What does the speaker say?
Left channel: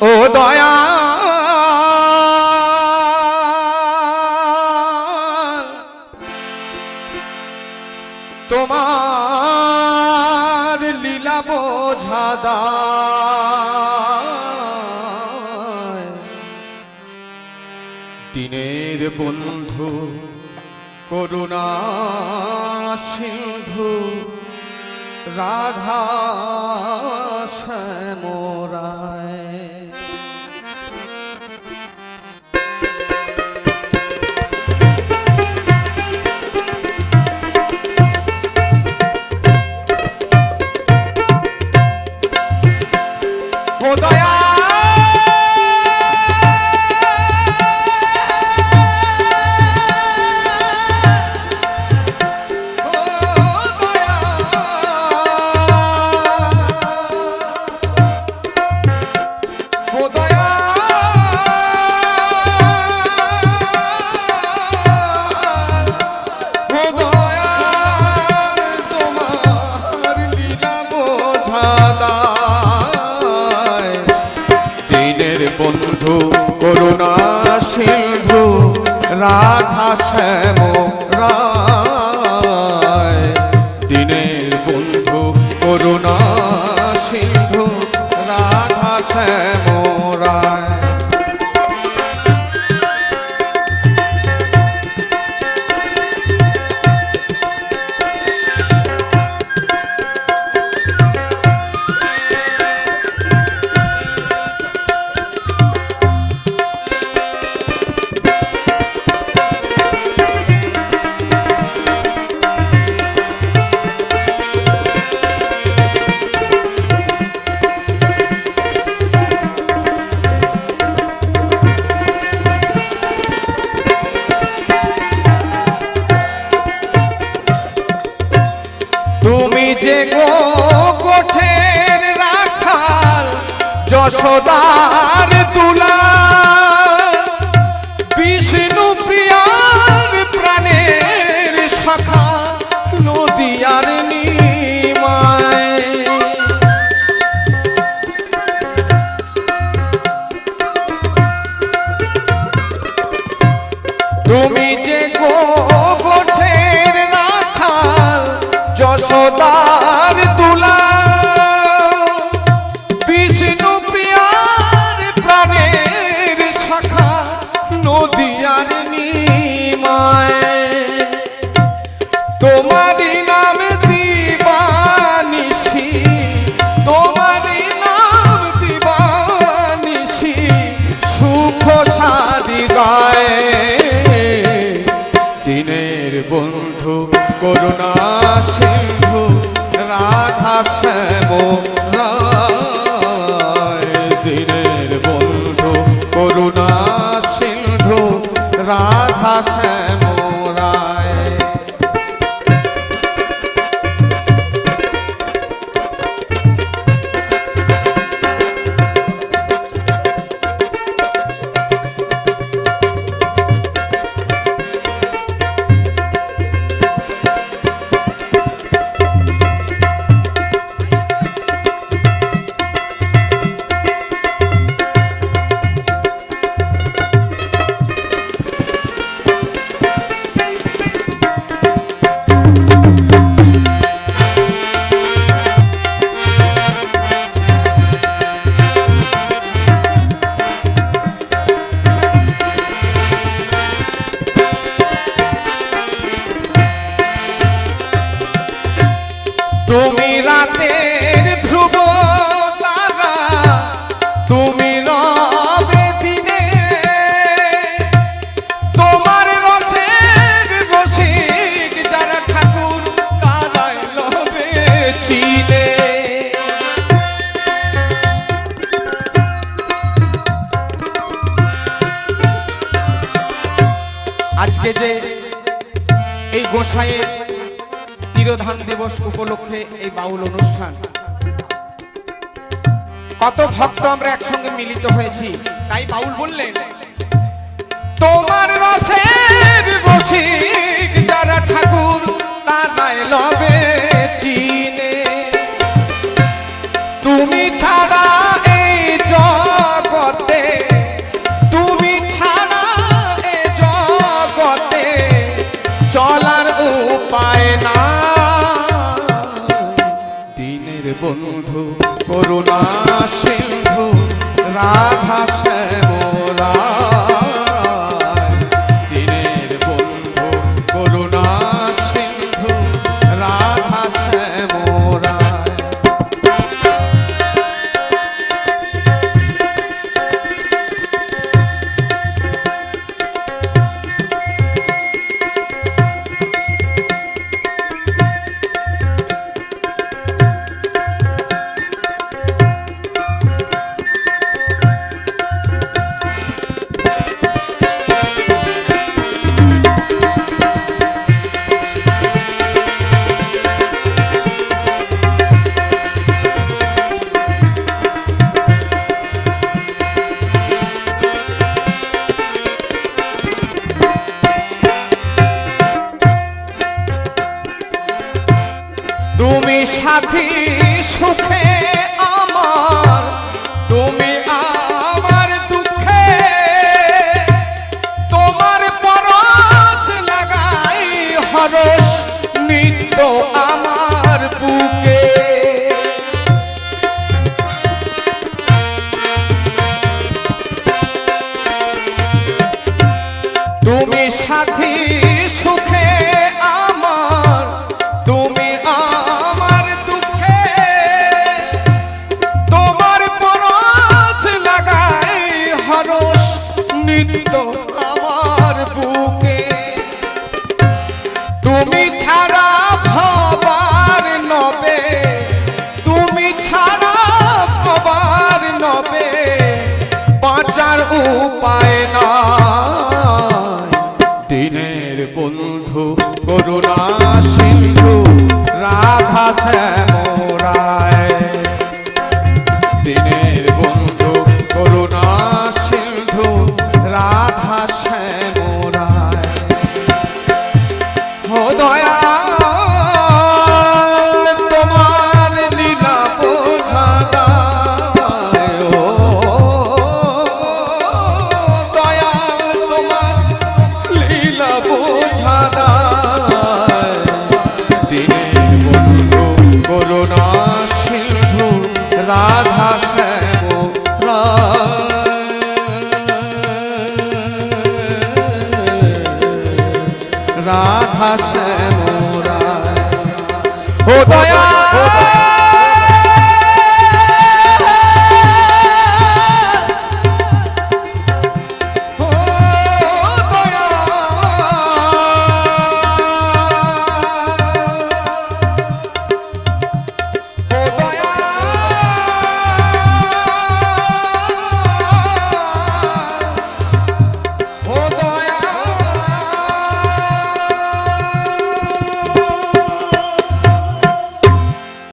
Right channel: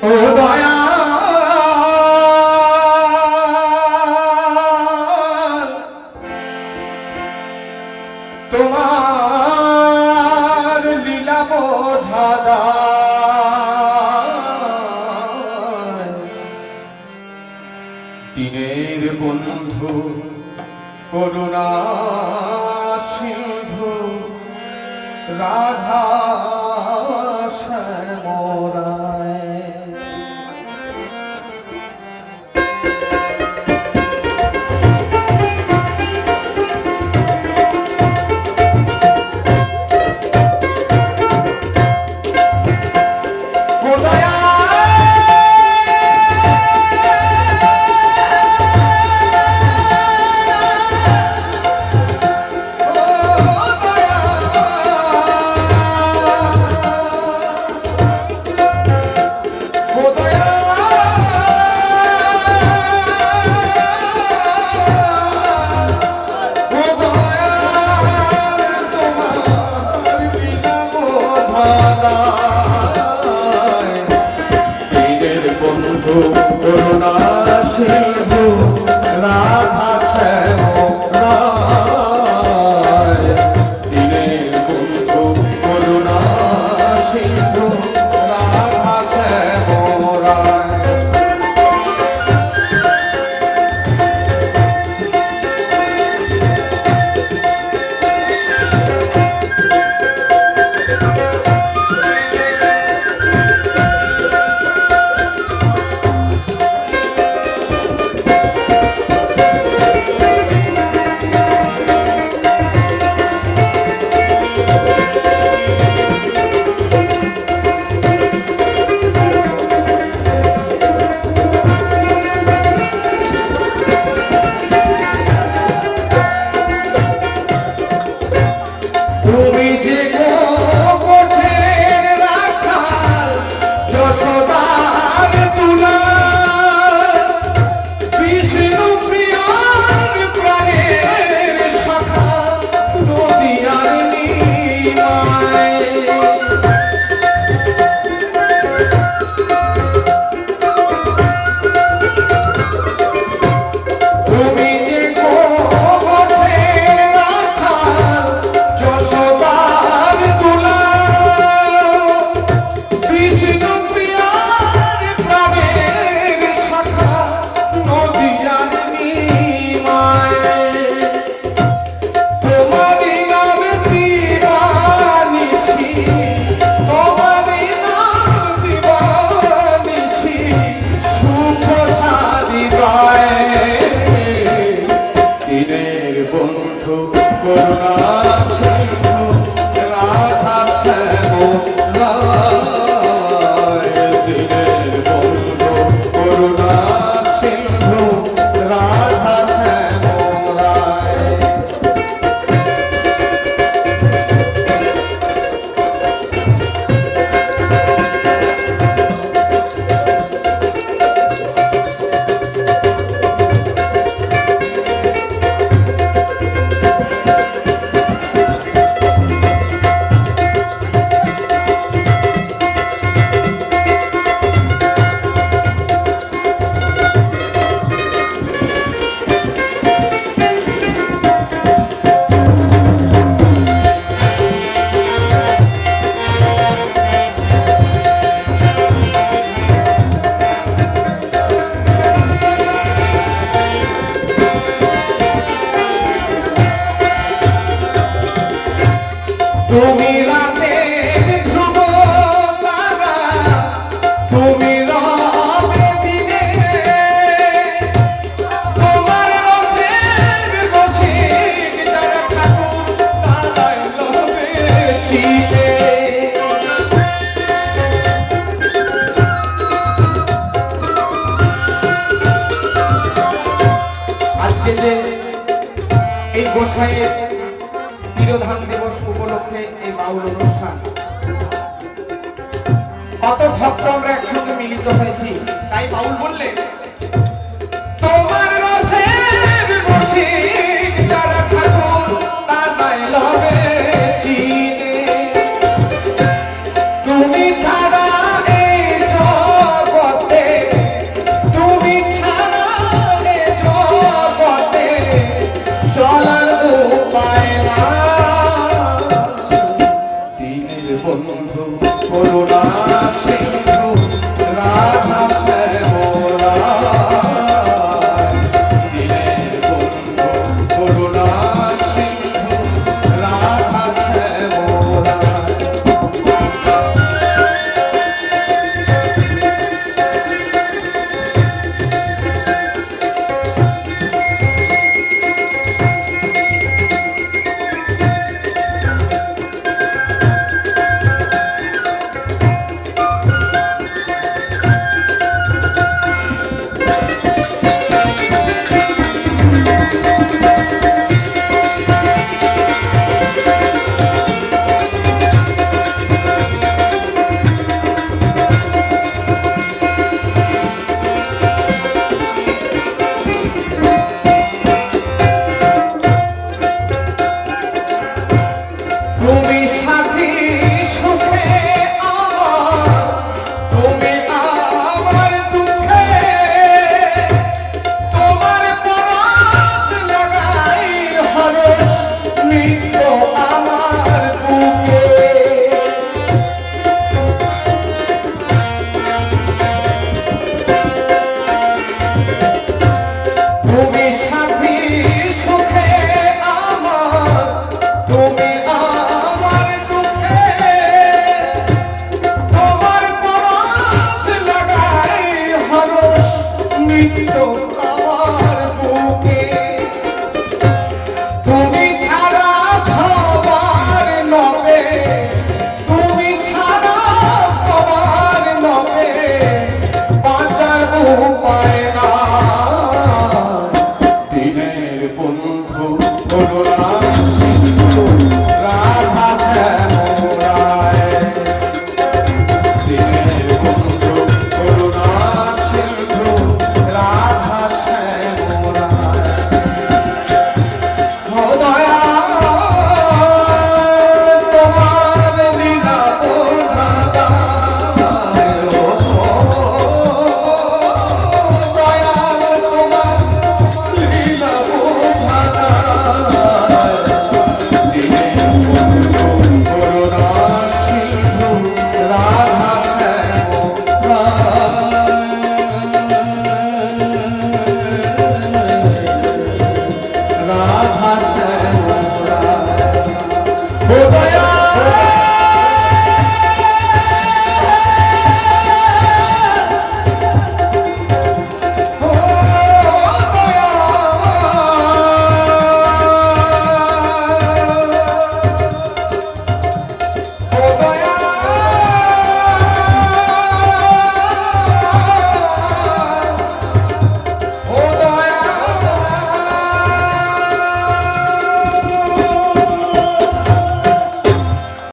ও দয়া তোমার লীলা বোঝাদা দিনের বন্ধু করুণা সিন্ধু রাধা শ্যামা আজকে যে এই গোসাইয়ের তিরোধান দিবস উপলক্ষে এই মাউল অনুষ্ঠান। কত Dale. 보다야?